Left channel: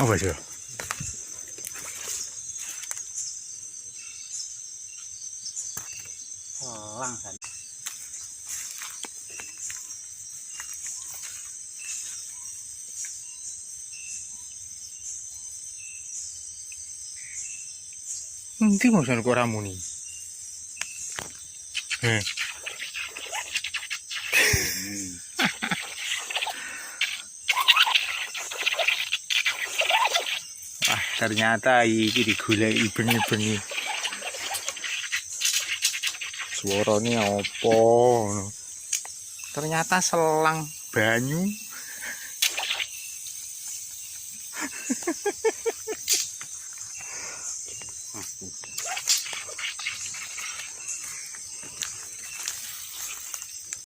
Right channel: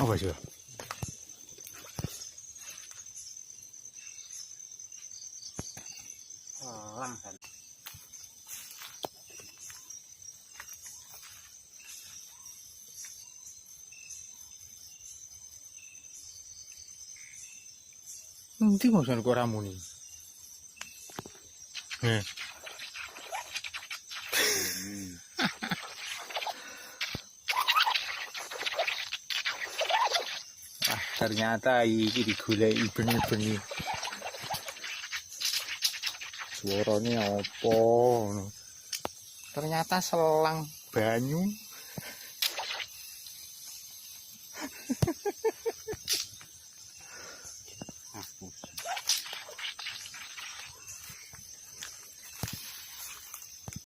Apa sih? Selang kan. Nanti maksudnya kok ramu nih. Wah, ternyata iki digoleki bengi-bengi. Suarane apa? Ternyata selang banyu